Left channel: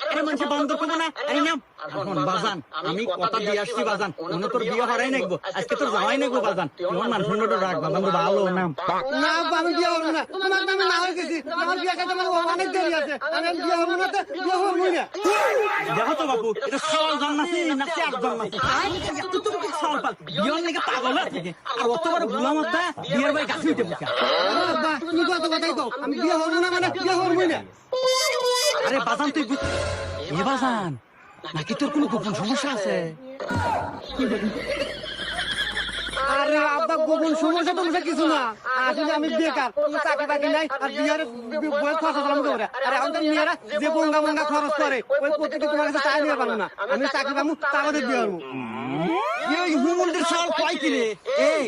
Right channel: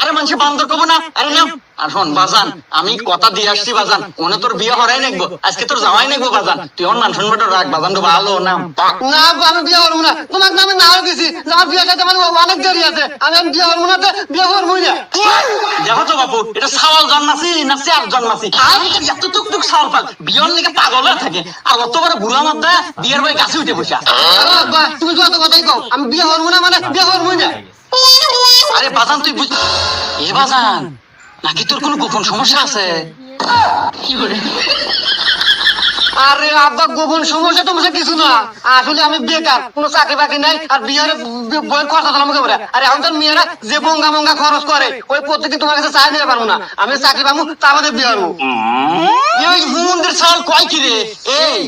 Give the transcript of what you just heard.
আরে মানুষ বান্দর কব না, আরে নাম আর শোন বাজান, আমি কথা দিয়ে আসছি বাজান, ওনে তোর বিয়ে হরাই নেব, আজকে তোর জামাই নেব বাজান, তুই ওর মান সম্মানটা রাখ বাজান, তো ভালো না না আমি বিয়ে করবো না, তোমার নামে না দিছি, আমার বিয়ে করতে আমার অনেক দেরি আছে, আমি বিয়ে করবো না, বিয়ে করবো না। দেখো তো বাবু, এটা সাওয়াল জন্মাছি না চেয়ার জন্মাছি, আর এত টুকটুক সাওয়াল পাল বিয়ের লেগে পাগল হয়ে থাকে, আর অত বড় বুড়া মাত্রা বিয়ের বই কাছে উঠে বসা। বাবা তুমি যত কথাই কও, আমি বিয়ে করবো না মানে বিয়ে করবো না। আরে বাজান তুই বুঝ, এ বাজান নাকি তোর কোনো গোপন সমস্যা আছে? আরে আব্বা গোপন সমস্যা টমস্যা কিছু না, আসলে আমি বেকার, কোনো চাকরি বাকরি নাই, আর বিয়ের বইয়ের কথা আমাকে বলে, আরে আমাদের মেয়েরা যে বঙ্গা বঙ্গা খরচ করে ওই প্রত্যেকে তোমার কাছে চাকরি দিতে পারবো না, আমি চাকরি পাবো তা আমাদের বিয়ে হবো। এই হুমুন্দের সাল কয় কি রে? এই